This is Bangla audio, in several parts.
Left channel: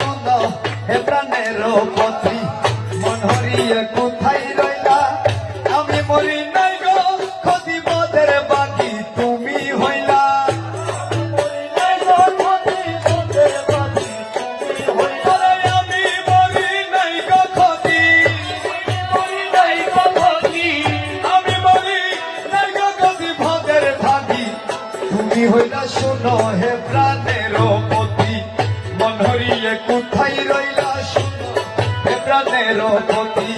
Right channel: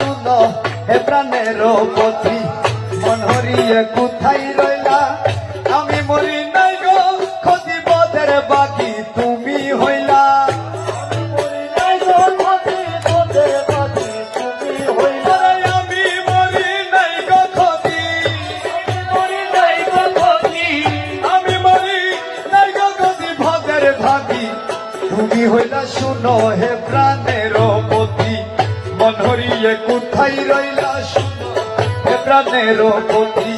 তুমি হইলা। আমি মরি নাই হরিয়ে কোথায় রইলা প্রাণের পথি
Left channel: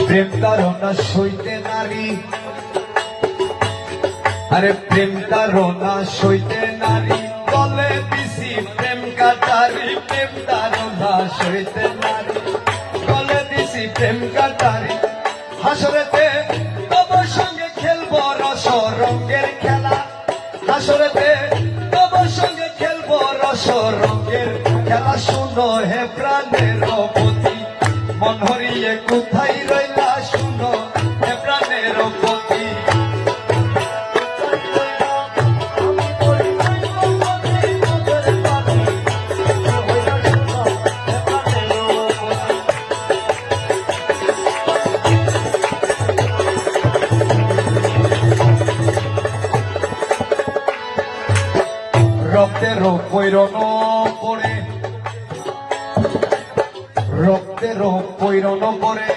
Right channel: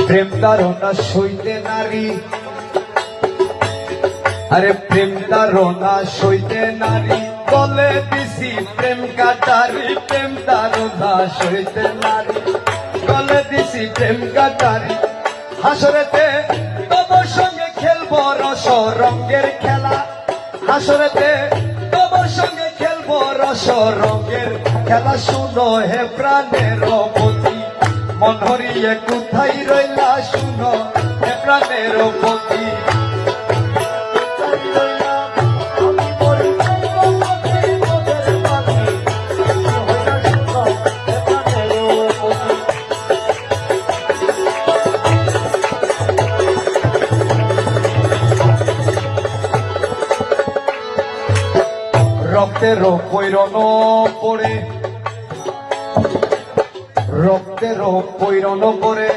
প্রেম তারণা সইতে নারী আরে প্রেম তারণা সইতে নারী বলে দিছি। প্রেম কাটারি, প্রেম তারণা সইতে নারী বলে দিছি। প্রেম কাটারি, হাসরেতে তোমার সঙ্গে খেলব রস রঙের খেলা। হাসরেতে তোমার সঙ্গে খেলব রস রঙের খেলা। শোনো হে প্রাণের পতি মন হরিয়ে পৈরন পড়ে। রক্তের পৈরন পড়ে।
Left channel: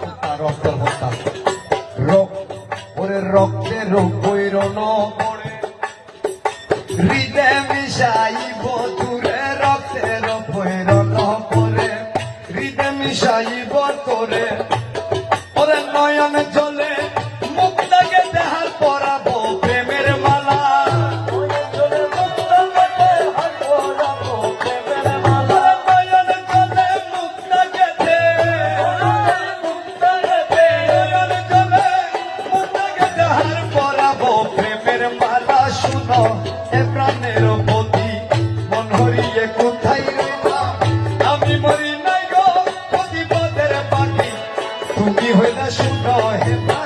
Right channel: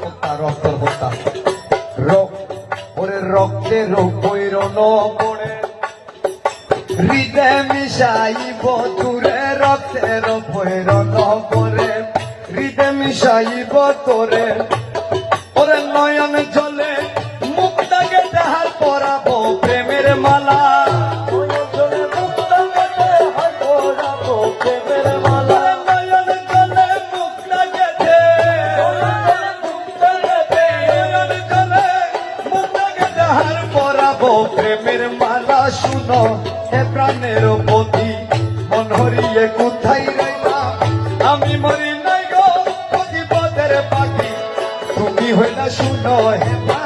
হত্যা রক্তের হত্যা রক্ত, ওরে রক্তের পৈরন পড়ে। হৃদয় মিশাইব তুরে রক্তের পৈরন পড়ে। হৃদয় মিশাইব তোরে হইলে শুনো হে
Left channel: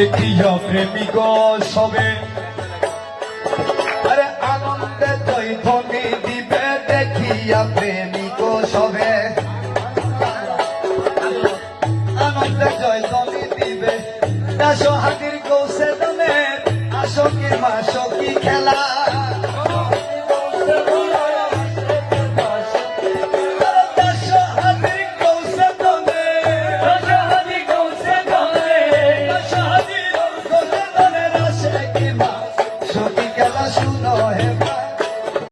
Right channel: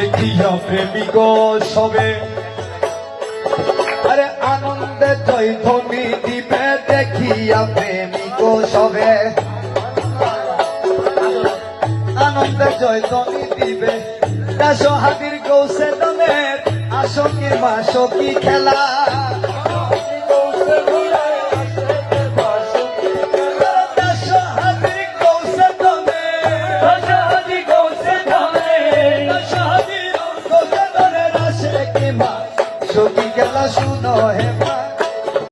দেখিয়া প্রেমিক সবে। আরে আনন্দে জয়ধ্বনি দিবে দেখিয়া প্রেমিক সবে। আনন্দে জয়ধ্বনি দিবে দেশ হাতির কৌশে দমে আসকি মাসকি খেলা।